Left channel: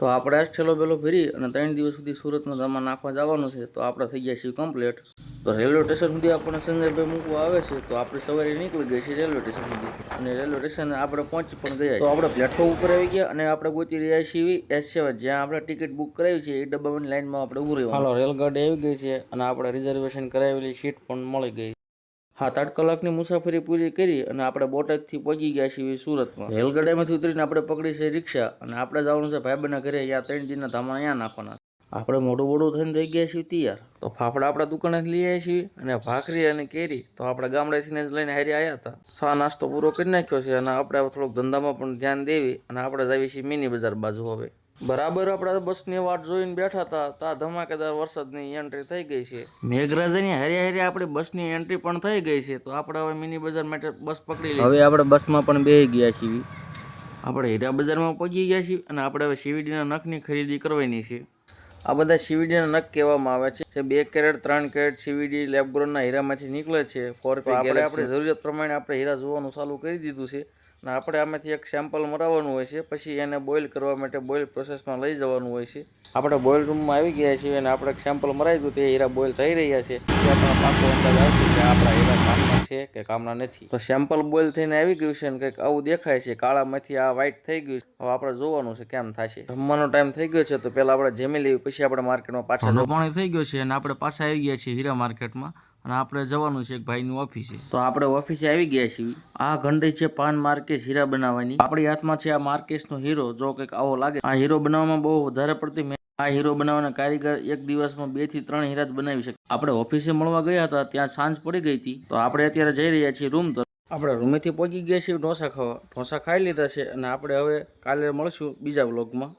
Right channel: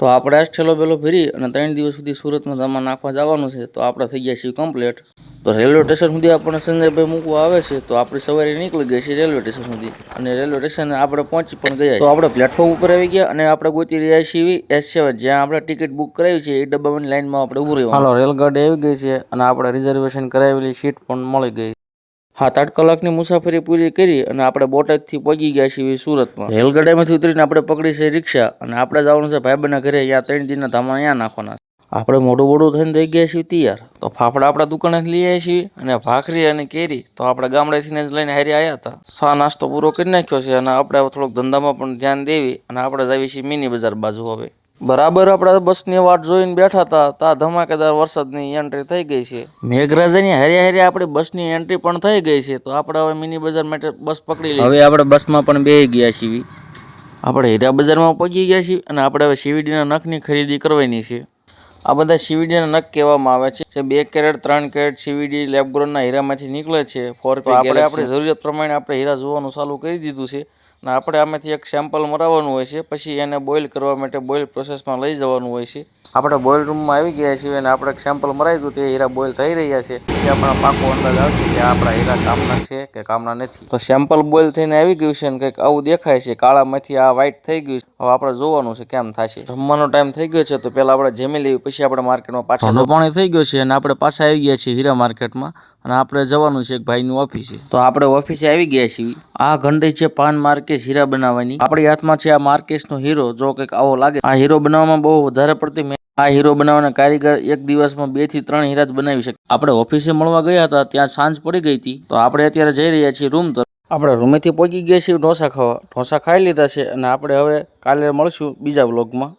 તો આપણે આ છેલ્લો બેલો ફેરી અને 3 દિવસ સુધી સુરતમાં ધામા નાખવા જવાનું છે. તો આપણે થઈ ગયા છીએ કમ્પ્લીટ. તો રેલવે સ્ટેશન સુધી આપણને સંજયભાઈ મૂકવા આવે છે. તો આપણી સવારે નીકળી ગઈ છે રેલવે સ્ટેશન સુધી અને રેલવે સ્ટેશને આપણે પહોંચી પણ ગયા. તો આપણે પ્લેટફોર્મ ઉપર આવી ગયા અને આપણે ગોતી રહ્યા છીએ S7 જ્યાં આપણે ટિકિટ બુક કરાવી છે. એ ડબ્બાની લાઈનમાં આપણે ઊભું રહેવાનું. હાલો રેલગાડી આવી ગઈ છે અને આપણે રિઝર્વેશન કરાવેલી સીટ પણ મળી ગઈ. 7-8 કલાકની મુસાફરી પૂરી કરી અને આપણે બોટાદથી પહોંચી ગયા છીએ સુરતમાં. રેલગાડીમાંથી ઉતરીને આપણે પકડી છે રિક્ષા અને આપણે જવાનું છે ભાઈબંધના ઘરે. અહીંયા 3 દિનના ધામા અહીંયા નાખવાના. આપણે મોડું થઈને થઈ ગયા છીએ તૈયાર. તો ફાફડા આપણા દુકાનેથી લઈ આવ્યા છીએ અને ભાખરી અને કેરી તો આપણે ગામડેથી જ લઈને હારી આવ્યા હતા. સા નાસ્તો પૂરો કરી નાખ્યો છે અને આપણે થોડોક ધંધામાં પણ ધ્યાન દેવી અને આપણે જઈએ છીએ મિની બજાર બાજુ. હવે બરાબર આપણે બસની વાટ જોઈને બેઠા હતા ત્યાં ધમાકેદાર વરસાદની એન્ટ્રી થઈ ગઈ છે. મેઘરાજાની હારે આપણી બસની એન્ટ્રી પણ થઈ ગઈ છે. તો આપણે હવે મિની બજાર માટે બસ પકડી લઈએ. હવે આપણે બસમાં પણ બેસી ગયા છીએ. આપણે હીરા બજારમાં પહોંચી ગયા છીએ અને આપણે હવે સીવીડીના નખની ખરીદી કરવાની છે. આ બધા સીવીડીના નખ કહેવામાં આવે છે જે 2 કેરેટ 3 કેરેટ સીવીડી લેબગ્રોનના હીરામાંથી નીકળે છે. આપણી જરૂરિયાત પ્રમાણે આપણે હીરા જોવાનું ચાલુ કરી દીધું છે અને આપણે આમાંથી એક સેમ્પલ મરાવવાનું હોય છે. પછી એને બોઇલ કરવા માટે બોઇલ પ્રોસેસમાં લઈ જવાનું હોય છે. આપણે બોઇલ રૂમમાં આવી ગયા છીએ અને આપણે એક સેમ્પલ મરાવી દીધું. તે હીરા બોઇલ થઈ રહ્યા છે. પછી આપણો પાકો અંદાજ આવશે કે આપણા હીરા કામના છે કે કામના નથી. તો સેમ્પલ બોઇલ થઈને આવી ગયું છે અને કંઈક આવું દેખાય છે. કાળામાંથી આ વ્હાઈટ થઈ ગયું છે. હવે આપણે જોવાનું છે કેમ થશે. જમવાનો ટાઈમ થઈ ગયો છે તો પહેલાં આપણે જમી લેવી પછી આપણે માર્કેટમાં પાછા પાણી થઈ ગયો છે અને આપણે પાછા આવી ગયા છીએ હીરા માર્કેટમાં અને આપણે જવાનું છે એક ભાઈની ઓફિસે. તો આપણે ઓફિસે આવી ગયા છીએ. આ ઘંટી છે પાન માર્કેશ હીરા બનાવવાની. આપણી હાથમાં છે આ માર્કેશનો હીરો. જો કંઈક આવો લાગે. આ હીરો બનાવવામાં બહુ વધારે પડતી આ હીરો બનાવવાના કારીગર એક દિવસમાં 2 થી 3 હીરા જ બનાવી શકે. આપણે ઓફિસે મળવા ગયા હતા ત્યાં સાંજ પડી ગઈ હતી. તો આપણે અત્યારે જઈ રહ્યા છીએ રૂમ તરફ. આપણે રૂમેથી પહોંચી ગયા છીએ ઢોસા ખાવા. ઢોસા ખાઈ લીધા છે અને આપણે હવે કાલે મળશું બીજા વ્લોગમાં.